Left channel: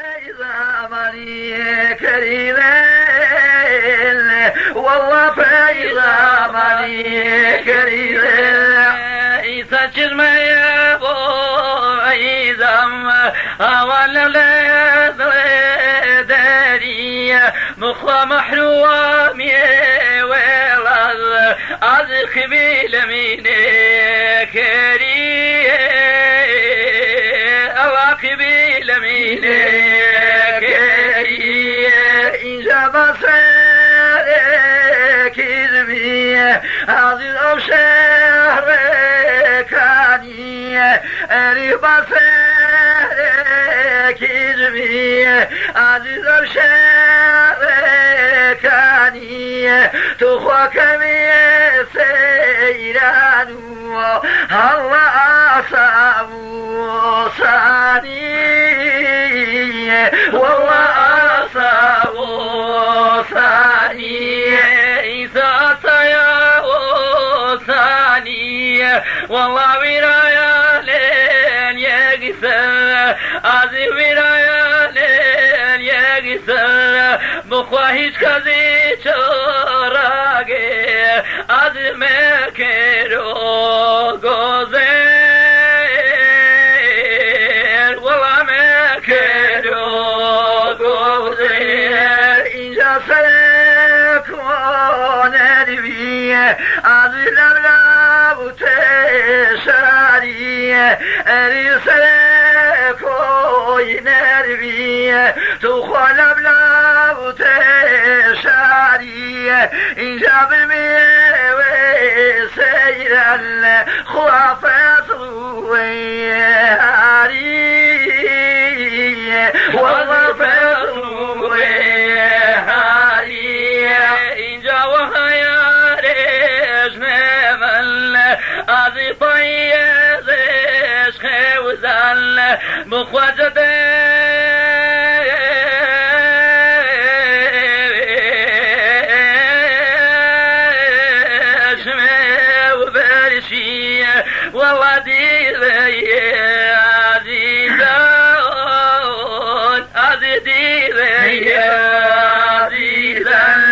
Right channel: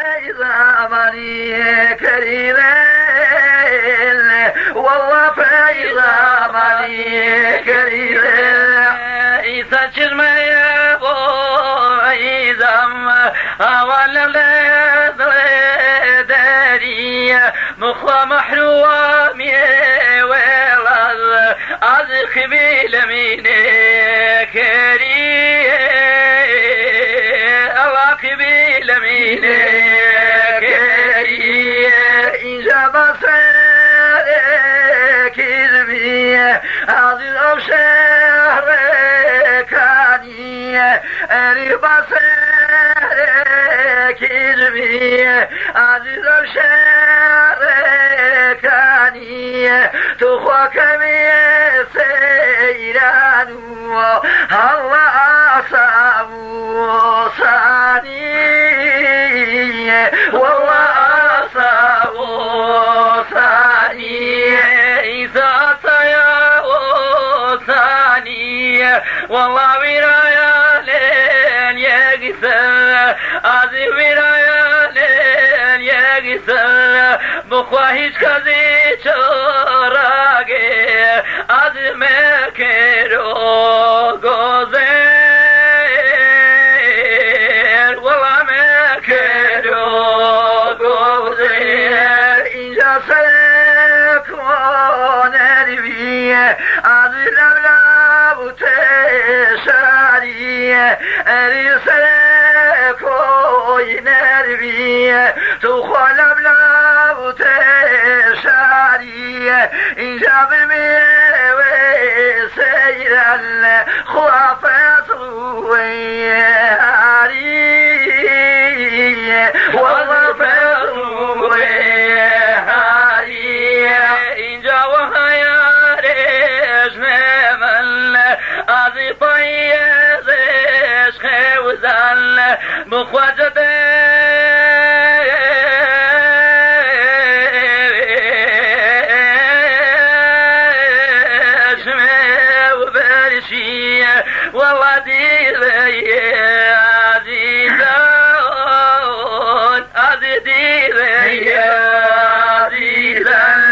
فإذا مني كريم والله فإذا مني كريم يسجل ما يبو إذا أولا داري مخوى محروم والله أذخ بالميني كريم أواك بالميني كريم إذا بصرك إذبي عزيز أو شهركاني أري بصرك إذبي عزيز أو شهركاني تخوك بسيران هو أصاب صاني وهو أصاب صاني إذا يا ثاني والله ورايا لين يقسى عزي ورايا لين يقسى بخواهيش كذي شراقي عزي مكرو غزير والله مكرو غزير إذا سلك ونربي عزي لبلاب تشاري أرسلك ونربي تخوى لبلاب تشاري إذا بمي سيرا خوافت ويهاري والله فتو ويهاري إن جاوها يا رجنا من أذي طيب خوزن مخوزة والله دي لي عزيزان عزيزي لي عزيزان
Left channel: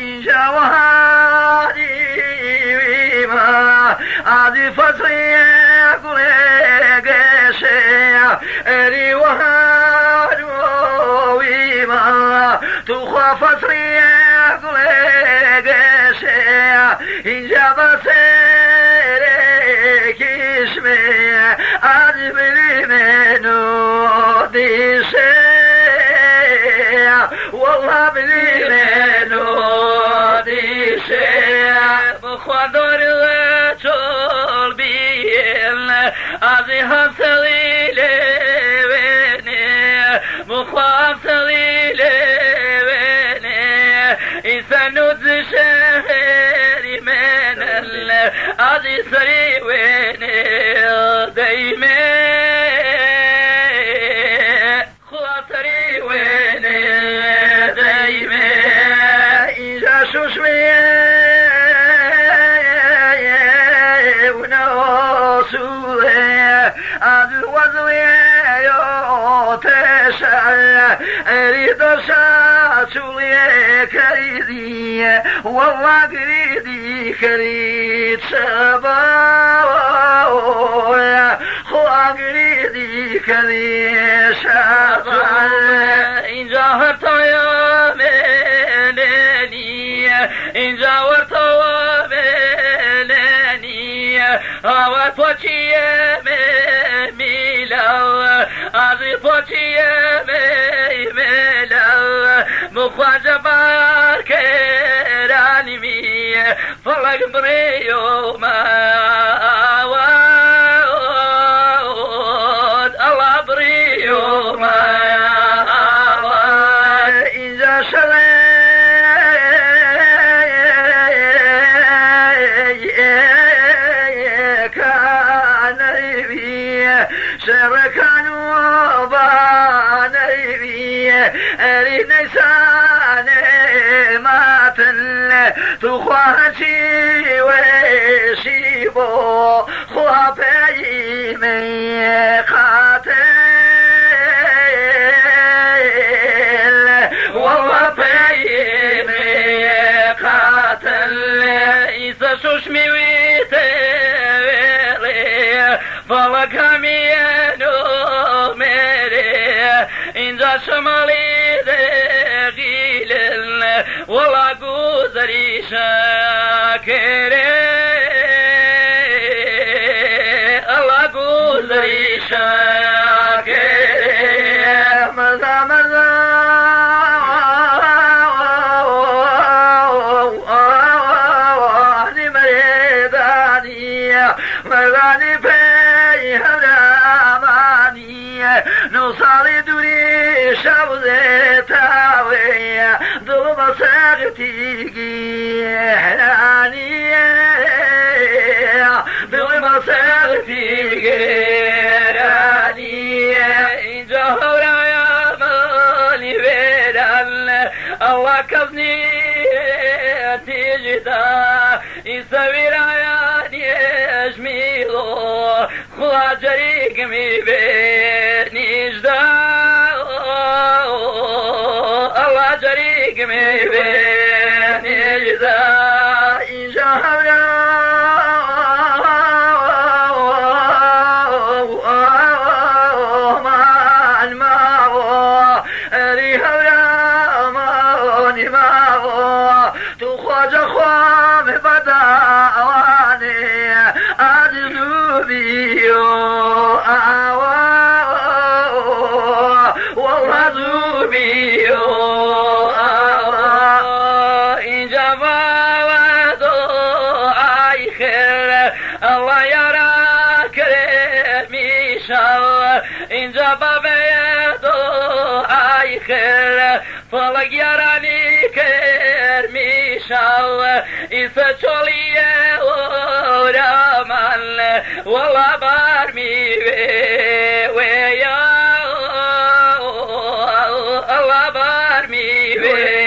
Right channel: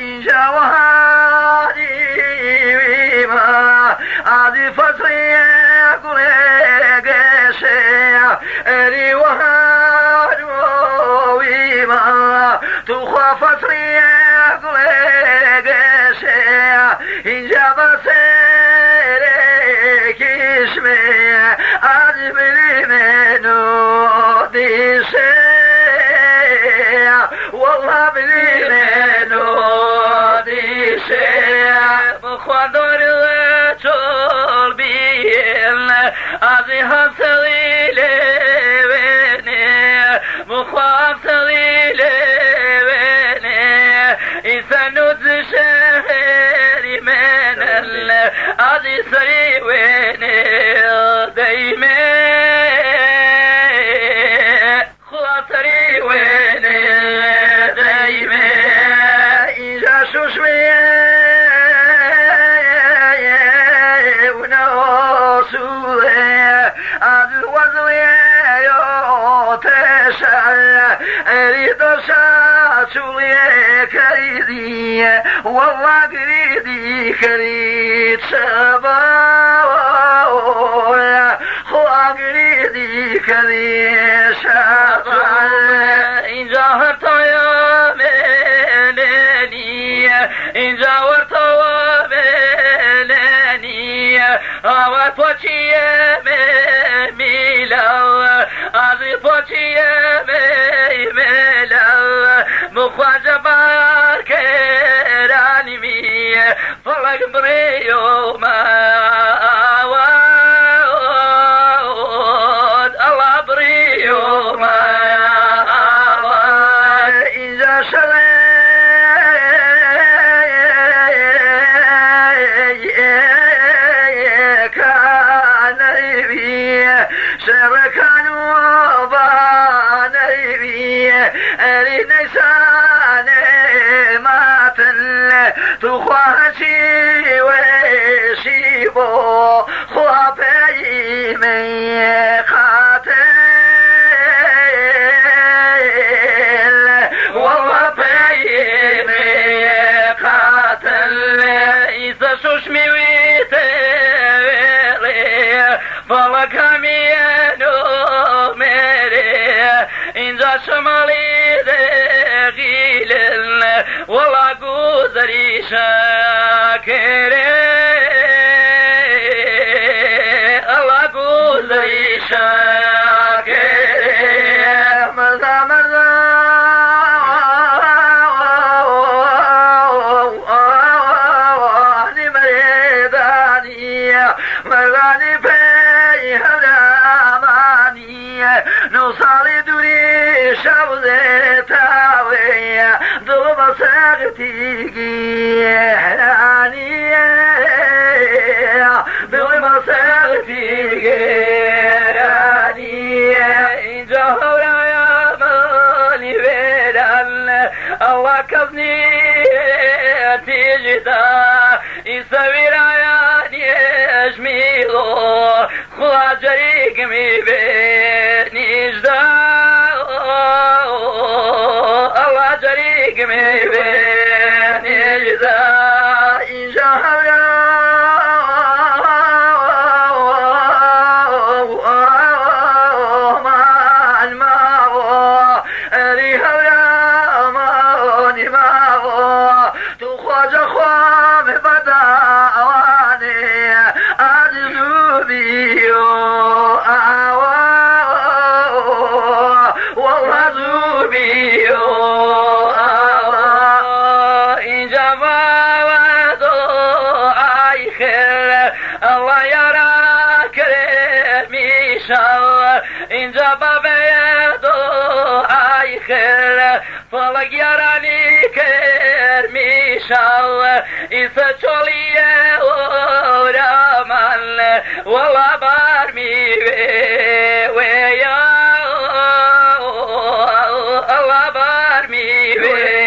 إن جاوهاري ويما عزي فصي قريقشي أري وهار ويما تخاف فصي قريقشي إن جاوهاري اسمي أجبري منو دي شيء والله بلي منو دي شيء بخوادور وطول بيل أزي هم سليلي ويني بخواب سليلي ويني إنسانو تشهري من أزي سري ويني دايما خاطري ويني دايما إذا شوشوي ونوصوي عدل وزوي يوتشل أريد شاتولي كريدي والله كريدي كريد سباوي خواقريدي كريد سباوي إن جاهرت يا ملاني إن جاورت وملاني هوا فوتي يا ميلا عزي فوتي يا ميلا مخواجة باركراني مي فلق بريو ما الله بريو ما إذا شوي كان بي شبكان وبان بي أريد نسان ماتن تخواتي وشيبو خوابي من خاتم وشمي ويتلي فلك همينو ميري إنجا شمالي دغيل ولا قوزري شاكري الله قوزري شاكري مرضى مرضى مرغاني فيها رامانية نوصالي دوري شوزي تاوية ضرب ساغتيكي هرانية ضرب ساغتيكي هرانية إنجا هورا يا مالي بيران الله كفني تجدا يسوي راياني اجميلو خلا جريك مي بيني جدا الله جريك مي بيني جدا إن شاء الله يراك رمي شاء إن جاب بيدو أي خير فلق يراني كرمي شاء إذا شولي ورمان ولا بارمي ويا الله بارمي